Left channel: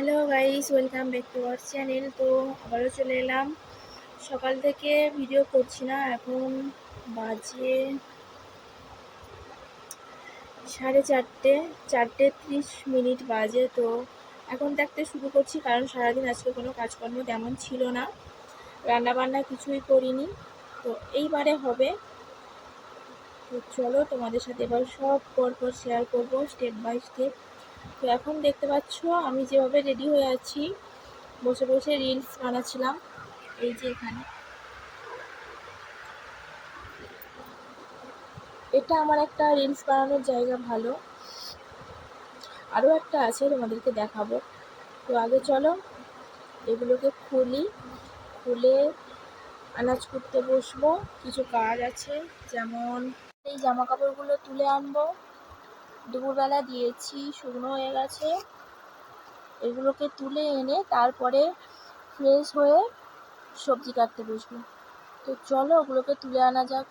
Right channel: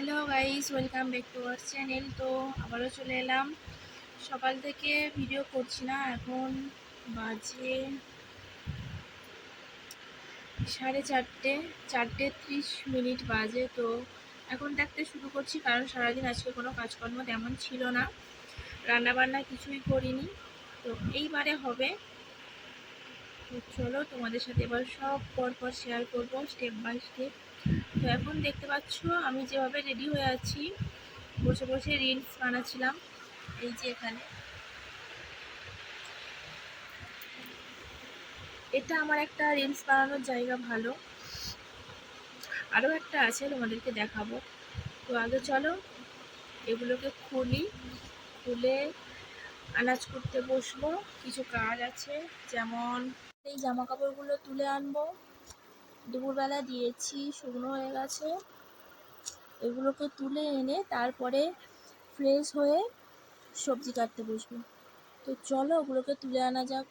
Hello guys, welcome back to our channel. তো আবারও চলে এলাম। সকাল থেকে ভিডিও করছি না, এখন বাজে 4:30 বাজে। তো এখন দেখতে শুরু করছি, কারণ সারাদিন আজকে কোনো কাজকর্ম তেমন ছিল না, রান্নাবান্না কিছুই করিনি। তো এইবারে হবে। তো চলো তোমাদের সাথে এবার সব পরপর শেয়ার করব, স্টেপ বাই স্টেপ। তো এখন দেখতে পাচ্ছ আমি যেভাবে রেডি হয়ে আছি, বসে বসে রিলস বানাচ্ছিলাম। এই যে এখানে এটা আমার একটা রিলস বানানোর জায়গা। ভালো আরও একটা আছে, তোমাদেরকে দেখাবো। তো আগে চলো এগুলোকে খুলে আনাজ করতে বসবো। কিছু কাজ আছে, যেমন এই জামা কাপড়গুলো তুলে আনবো। দুপুরবেলা দিয়েছি, শুকনো হয়ে গেছে। এগুলোকে তুলে এনে তারপরে ফ্রেশ হয়ে সবজি কাটতে বসবো। তো চলো ওগুলোকে তুলে আনা যাক।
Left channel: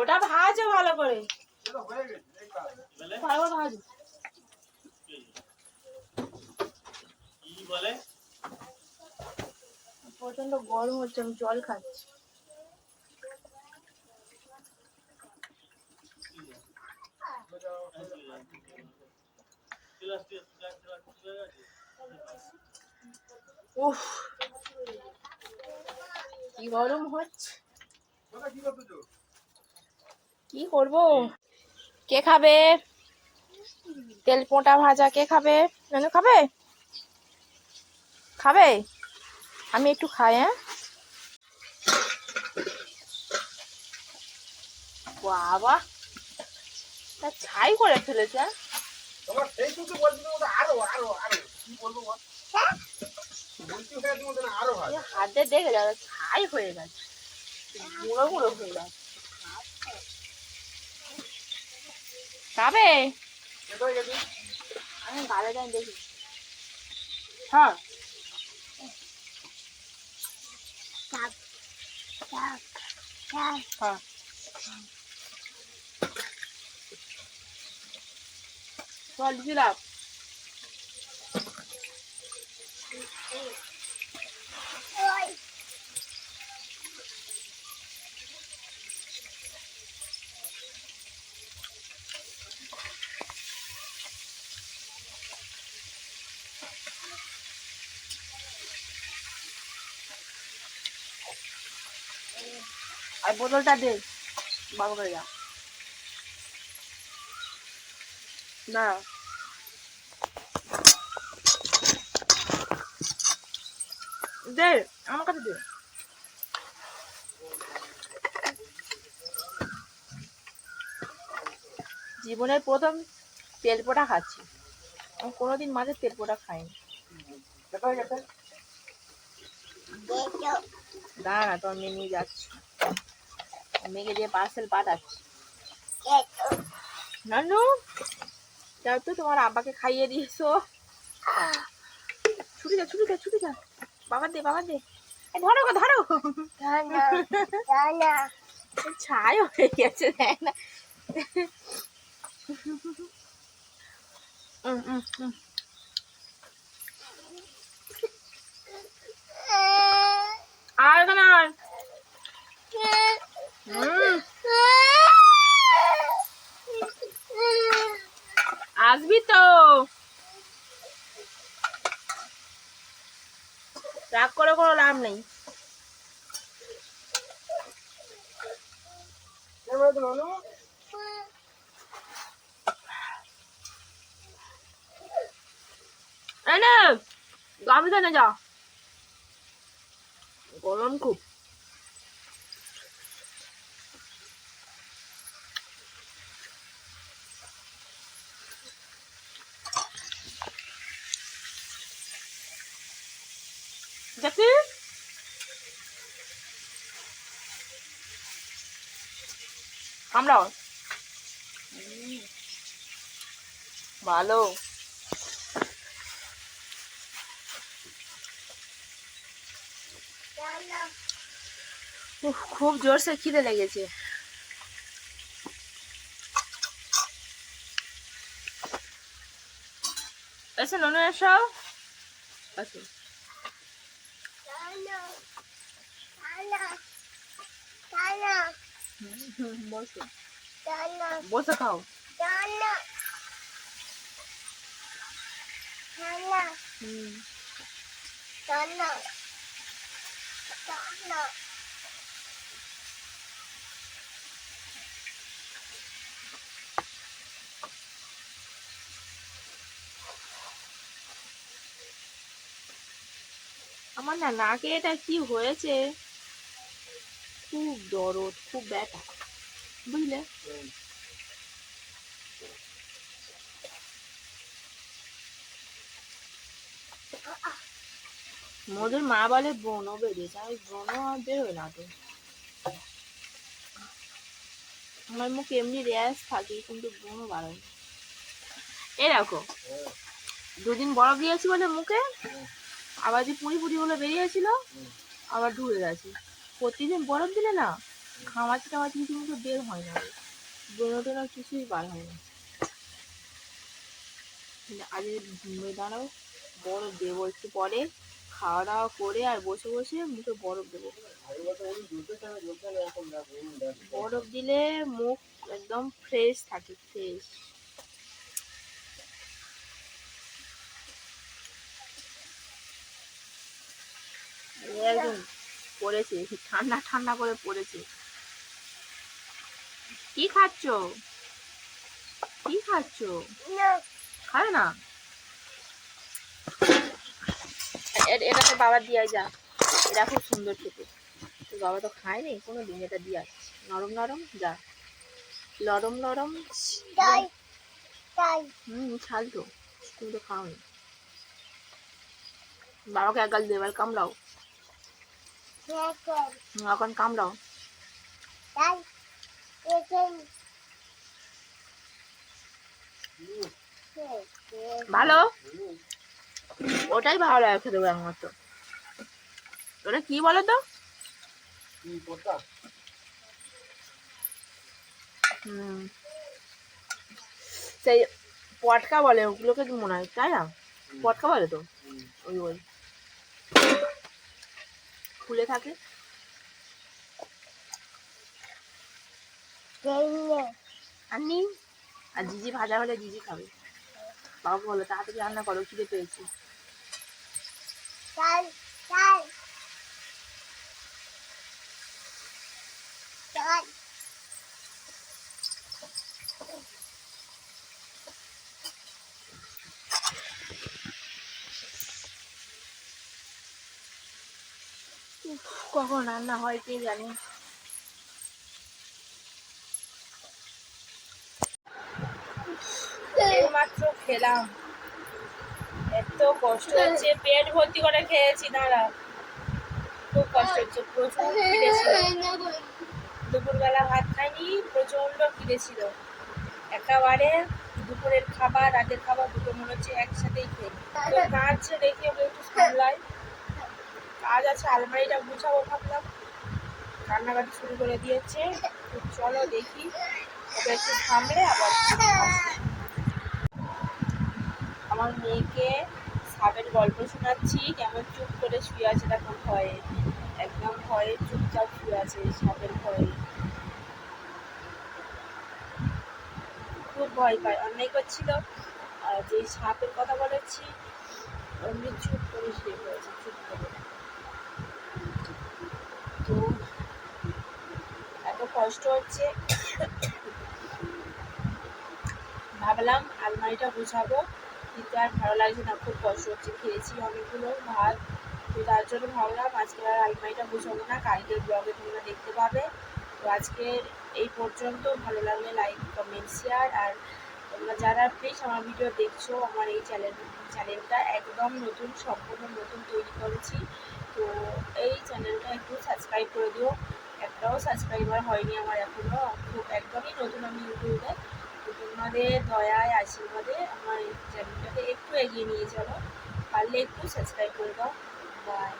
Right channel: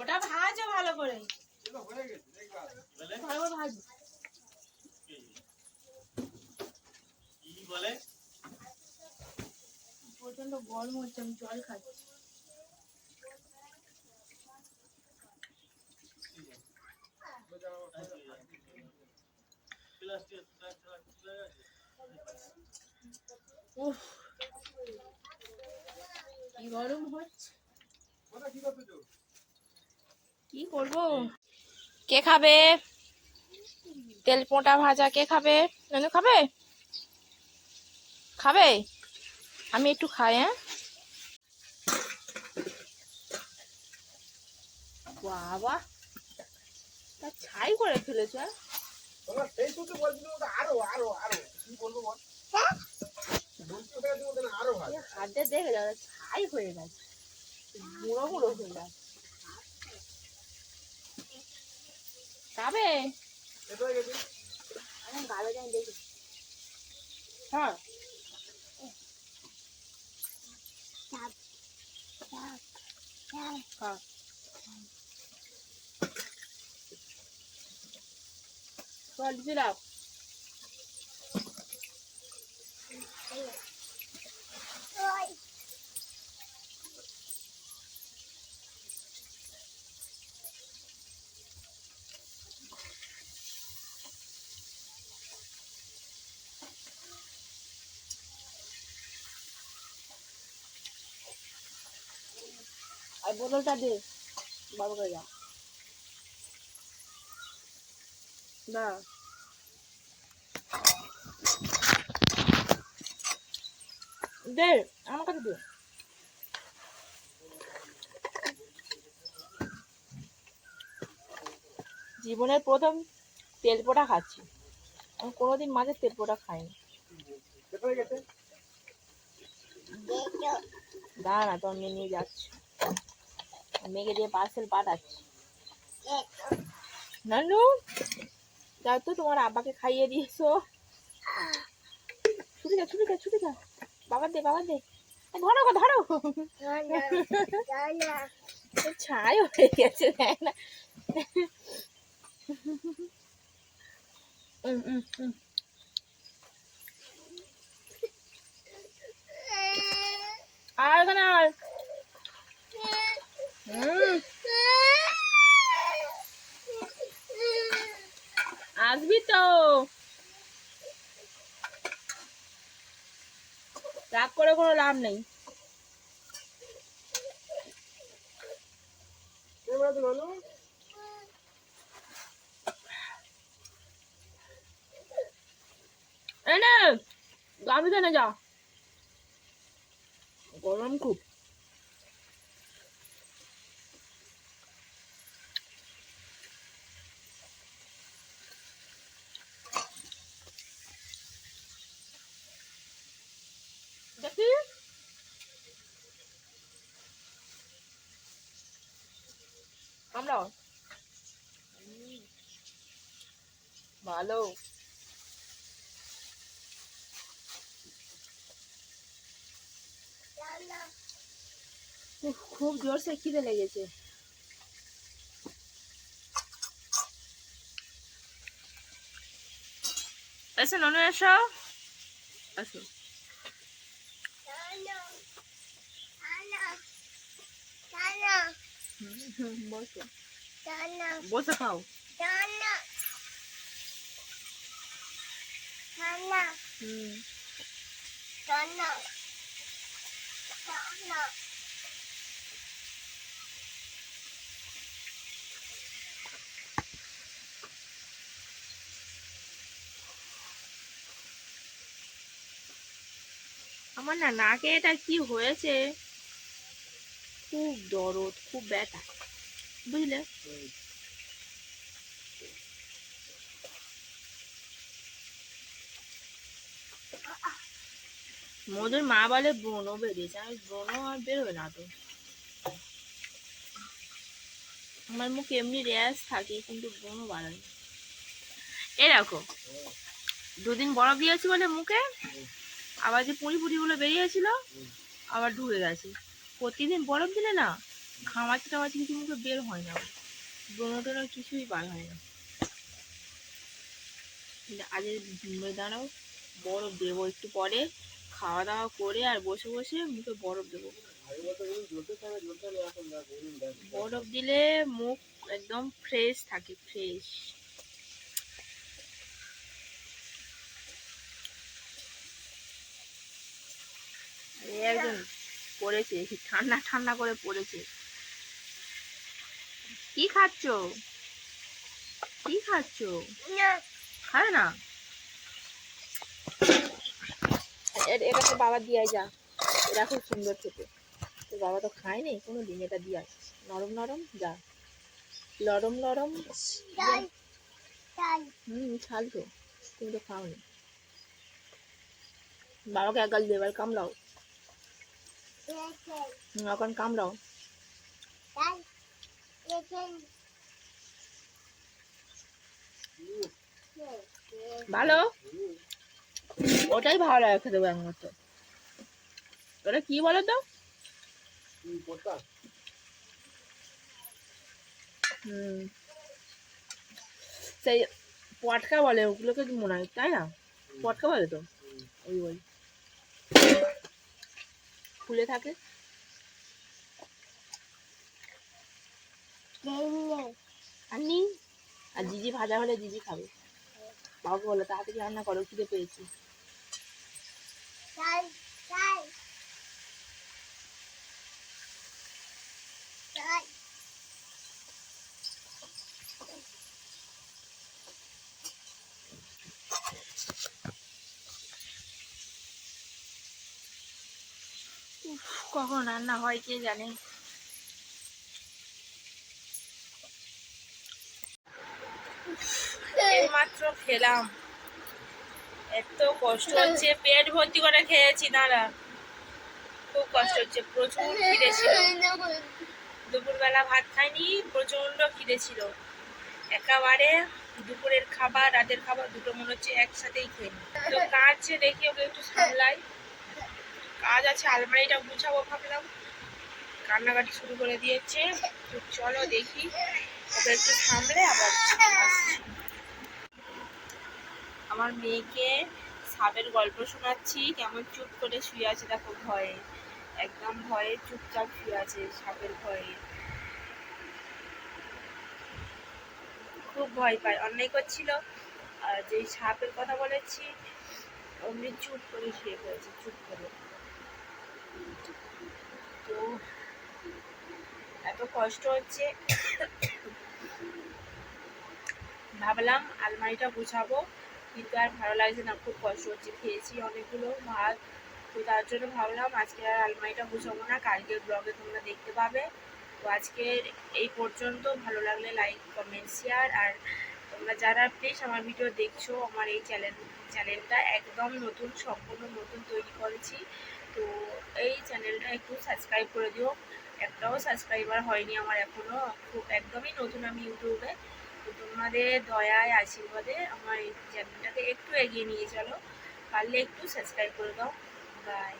ওটা ভাজো ভালো করে, ভাজো। প্রচন্ড গরম হচ্ছে, আমি জল খাচ্ছি। উফ, কি গরম হচ্ছে, কি করবো। কে খাবে তেল পোঁটা ভাজা? কে খাবে? নানু খাবে? খাবে? আমি একটু খাই। হ্যাঁ, বাবা তা ছাই করে ফেলেছে। হাতে দেখে যাবে, ছাই হয়ে গেছে, গুঁড়ো গুঁড়ো হয়ে গেছে। খাবে? আমি বাইরে যাই দেখি। হ্যাঁ, হ্যাঁ, জল দিলাম। আর বোতলটা দে বাবা করে যা না দে আমার কাছে দে জীবনের প্রথম তেল পোড়া খাচ্ছি আমি কোনোদিন মাঝে তেল পোড়া খাইনি দাঁড়া তো আমি নিয়ে যাচ্ছি মেয়েকে দিয়ে পার্সেল পাঠাচ্ছি নানু যাও তো তোমার আব্বাকে খাইয়ে দিয়েছো ছুটে যা ছুটে যা ছুটে যা বাবা দে ধরো ধরো ছায় হয়ে গেছে দেখ না আর এখানে আর আসবি তো রাগ করে কোনো লাভ নেই গামছা না যা গরম খুব দেখি আমরাও ভালো খুব জোরসে খিদে লেগেছে এসে ননু এসো আসো বসে খাও আমার না নাকে এটা কি হয়েছে খুব দরদ খুব ব্যথা বুঝলে মধুর মা বলে ব্রণ বেরিয়েছে আমি ব্রণ আর বেরোবে না তো আমার মুখে এমনি র্যাশ থাকে কিন্তু ব্রণ বাড়ায় এরকম দুদিন বরফ দিয়েছি বলে মুখে আবার যে পুঁড়ি গুলো বেরিয়েছিল আবার ঢুকে গেছে প্রতিদিন বরফ দিলে না ঘামাচি টামাচি কিছু মুখে বের হয় না ব্রণ টোনা কিছুই বার হয় না আজ দাঁড়াও বরফ দেবো একটু পরে খাওয়া দাওয়া করে আর বসে বসে মুখে বরফ দেবো বরফ দিলে মুখ একদম ফ্রেশ থাকে ফ্রেশ একজন পড়েছে ঠান্ডা ঠান্ডা করে পড়েছে কি খাচ্ছ কি খাচ্ছ খাবে না এটা তো বাবা দিয়ে যা এটা খুব সুন্দর খেতে তো বাবা তো খায়নি কোনো দিন এটা দিয়ে আসছে নরম নরম যা নরম নরম ছাল তো তুমি তো খাওনি বাবাকে এক গাল দেবার কামড়াও এখন কামড়াও ভালো ওটাই ভালো লাগে খেতে আমার তো ওটা কি বলো তো সেই পটকা বলে ওগুলোকে মনে হয় তাই না পটকা বলে তো ওই ওই ফুলে থাকে আনি আর জিজি ভাজা হলে জিজি খাবে বাবু বলো তাড়াতাড়ি রান্না করো খিদে পেয়েছি কখন রান্না হয় কে জানে। এইমাত্র খেলাম, এত কষ্ট হচ্ছে, পেট ভর্তি করে খেয়েছি। দাঁড়া, খুব কষ্ট হচ্ছে, প্রচুর খিদে ছিল। দুপুরবেলা ভাত খাইনি, প্রচন্ড খিদে ছিল। একেবারে দুপুরের খাবার রাতের খাবার দুটো মনে হচ্ছে একসাথেই খেয়ে নিই। তো কাজ রেখে ওকে একটু সামলাই, কাজ আছে, আলমারিটা গুছাবো ভাবলাম, কান্নাকাটি শুরু করে দিয়েছে। চলো দেখি, ওকে একটু সামলে আবার আসছি। আমার মেয়েকে সাপের গল্প শোনাচ্ছি, কেমন চুপ করে শুয়ে আছে দেখো, ভয়ে, একদম ভয়ে চুপচাপ শুয়ে আছে, সাপের ভয়ে খুব ভয় পায়, অন্যায় করছিল। আর যে সাপের কথা বলেছি অমনি চুপ করে শুয়ে পড়েছে, চুপ করে। তো এত কষ্ট হচ্ছে, ভাবলাম আলমারিটা গুছাবো, কিন্তু আর ভালো লাগছে না, খুব কষ্ট হচ্ছে, খেয়েছি অনেকগুলো ভাত। তো তার জন্য ভাবলাম আজকে আর আলমারিটা গুছাবো না, কালকের ব্লগে তোমরা দেখতে পাবে। তো আজকের এই পর্যন্ত, ভালো লাগলে লাইক কমেন্ট শেয়ার। আর তোমরা যারা প্লিজ আমার ভিডিও দেখছো, আমার এই চ্যানেলটা একদম নতুন, সম্পূর্ণ নতুন তৈরি করেছি। তো এই চ্যানেলটা একটু সাবস্ক্রাইব করে দিও, একটাও সাবস্ক্রাইবার হয়নি আমার এখনও, খুব একদমই নতুন আমি ইউটিউবে। তো তোমাদের দয়ায় আশীর্বাদে আমার এই চ্যানেলটাকে একটু এগিয়ে নিয়ে চলো, পারলে একটু সাবস্ক্রাইব করে দাও। বাই।